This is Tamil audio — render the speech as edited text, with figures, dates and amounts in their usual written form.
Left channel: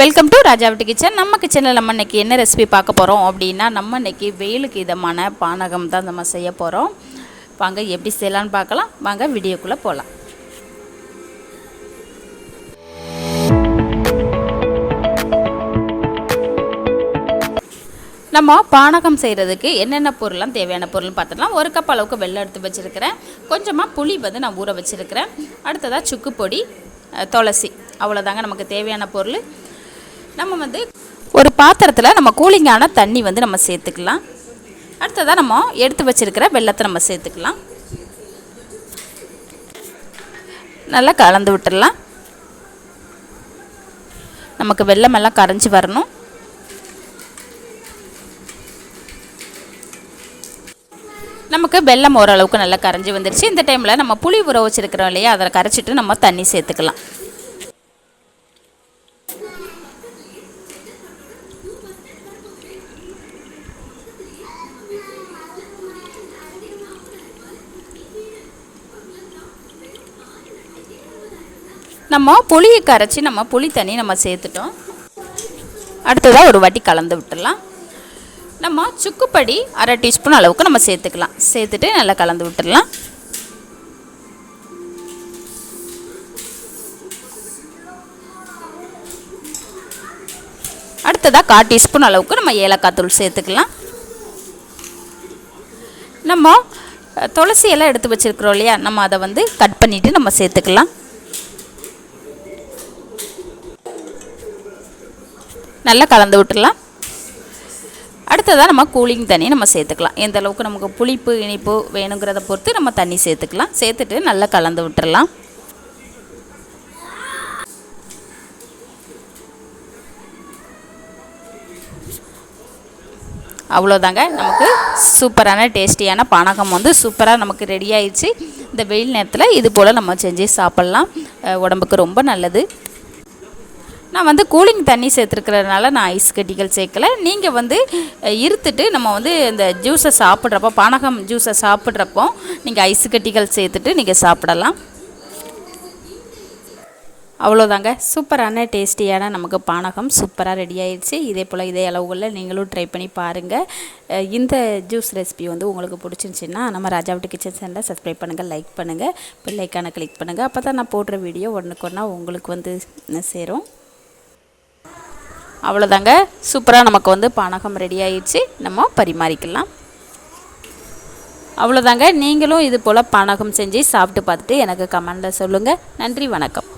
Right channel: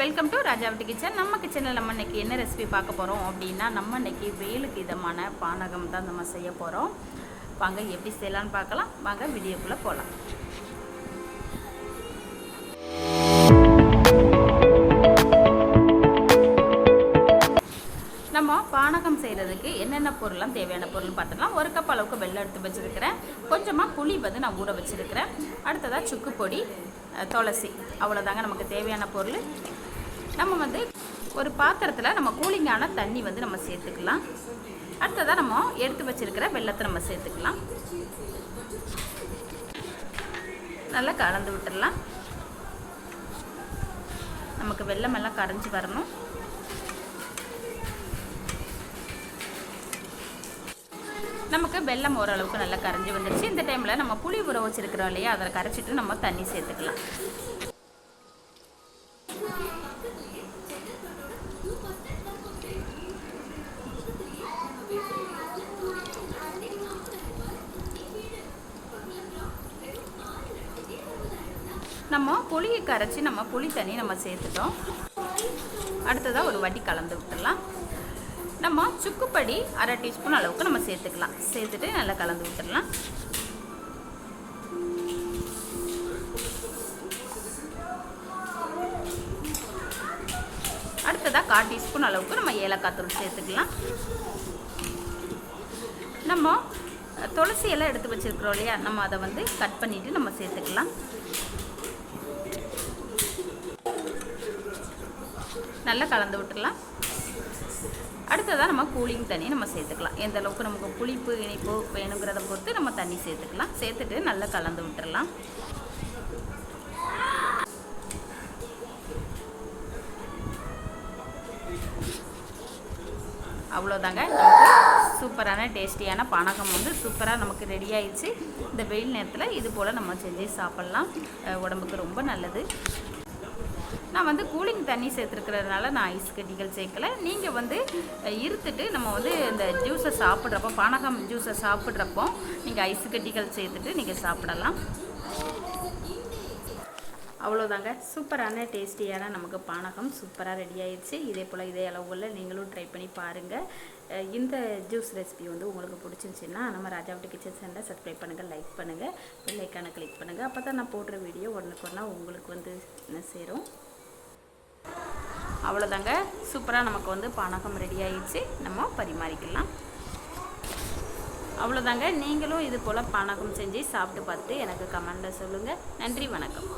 வெல்கம் டு ராஜா வீட்டு கிச்சன். நம்ம கிச்சனில் நம்ம இன்றைக்கி என்ன ரெசிபி பார்க்க போகிறோம் அப்படின்னா, நம்ம இன்றைக்கி வெயிலுக்கு இதமான பானகம் தான் நம்ம செய்ய போகிறோம். வாங்க எப்படி செய்யலான்னு பார்க்கலாம். வாங்க வீடியோக்குள்ளே போகலாம். நம்ம பானகம் செய்கிறதுக்கு என்னென்ன பொருள்லாம் தேவையான பொருள் பார்த்துக்கலாம். 1 கப் அளவுக்கு வெல்லம் எடுத்து வச்சுருக்கிறேன். கொஞ்சமாக புளி நான் ஊற வச்சுருக்கிறேன். அடுத்ததாக சுக்கு பொடி, துளசி, அவ்வளோதாங்க நமக்கு தேவையான பொருள். நம்ம ஒரு பாத்திரத்தில் நம்ம கூலிங்கான தண்ணி நம்ம சேர்த்துக்கலாம். அடுத்ததாக நம்ம எடுத்து வச்சுருக்கிற வெல்லத்தை நம்ம சேர்த்துக்கலாம். நல்லா கலந்து விட்டுடலாம். நமக்கு வெல்லமெல்லாம் கரைஞ்சி வரணும். நமக்கு வெல்லம் ஓரளவுக்கு நல்லா கரைஞ்சி வந்துருச்சு. இந்த டைமில் நம்ம புளி ஊற வச்சுருக்கிறோம் இல்லையா, அதை கரைச்சிட்டு நம்ம தண்ணி சேர்த்துக்கலாம். நம்ம புளியை கரைச்சி நம்ம புளி தண்ணி நம்ம சேர்த்துட்டோம். அடுத்ததாக ஒரு வாட்டி கலந்து விட்டுடலாம். நம்ம சுக்குப்பொடி 1/2 டீஸ்பூன் அளவுக்கு நம்ம சேர்த்துக்கலாம். சேர்த்துட்டு நல்லா கலந்து விட்டுடலாம். அடுத்ததாக 1/4 டீஸ்பூன் அளவுக்கு நம்ம ஏலக்காய் தூள் சேர்த்துக்கலாம். நம்ம துளசி எல்லாம் எடுத்து வச்சுருக்கிறோம் இல்லையா, நம்ம அதை கட் பண்ணிவிட்டு நம்ம சேர்த்துக்கலாம். நல்லா கலந்து விட்டுடலாம். அடுத்ததாக நம்ம கூலிங் தண்ணி நம்ம சேர்த்துக்கலாம். எந்த அளவுக்கு நமக்கு புளிப்பு இனிப்பு வேணுங்கிறத பொறுத்து நம்ம தண்ணி சேர்த்துக்கலாம். சேர்த்துட்டு நல்லா கலந்து விட்டுடலாம். அவ்வளோதாங்க, நமக்கு சூப்பரான டேஸ்டியான பானகம் சூப்பராக நமக்கு ரெடி ஆயிடுச்சு. இந்த வெயில் நேரத்தில் இது போல் நம்ம செஞ்சு சாப்பிட்லாம். உடம்புக்கு ரொம்ப நல்லது. நான் கூலிங் தண்ணி சேர்த்துருக்கிறதுனால நான் ஐஸ் கட்டிகள் சேர்க்கலை. நீங்கள் இருத்துட்டு நம்ம இந்த ஜூஸை சாப்பிட்றப்போ, பானகம் ஜூஸை சாப்பிட்றப்போ நீங்கள் ஐஸ் கட்டிகள் சேர்த்துட்டு நீங்கள் சாப்பிடலாம். அவ்வளோதாங்க, சூப்பரான டேஸ்டியான நமக்கு பானகம் சூப்பராக ரெடி ஆயிடுச்சு. இதே போல் இதே அளவுகளில் நீங்களும் ட்ரை பண்ணி பாருங்கள். இந்த ஜூஸ் ரெசிபி உங்களுக்கு பிடிச்சிருந்துச்சின்னா நம்ம ராஜா வீட்டு கிச்சன் சேனலை சப்ஸ்கிரைப் பண்ணுங்கள், லைக் பண்ணுங்கள், பெல் ஐக்கானை கிளிக் பண்ணுங்கள். அப்போ தான் நான் போடுற வீடியோ ஒன்றுக்கொன்னா உங்களுக்கு சேரும். அவ்வளோதாங்க, சூப்பராக நமக்கு பானகம் ரெடி ஆயிடுச்சு. நம்ம பரிமாறிக்கலாம். அவ்வளோதாங்க, நீங்களும் இது போல் பானகம் செஞ்சு சாப்பிட்டு பார்த்துட்டு எனக்கு கமெண்டில் சொல்லுங்கள். நன்றி, வணக்கம்.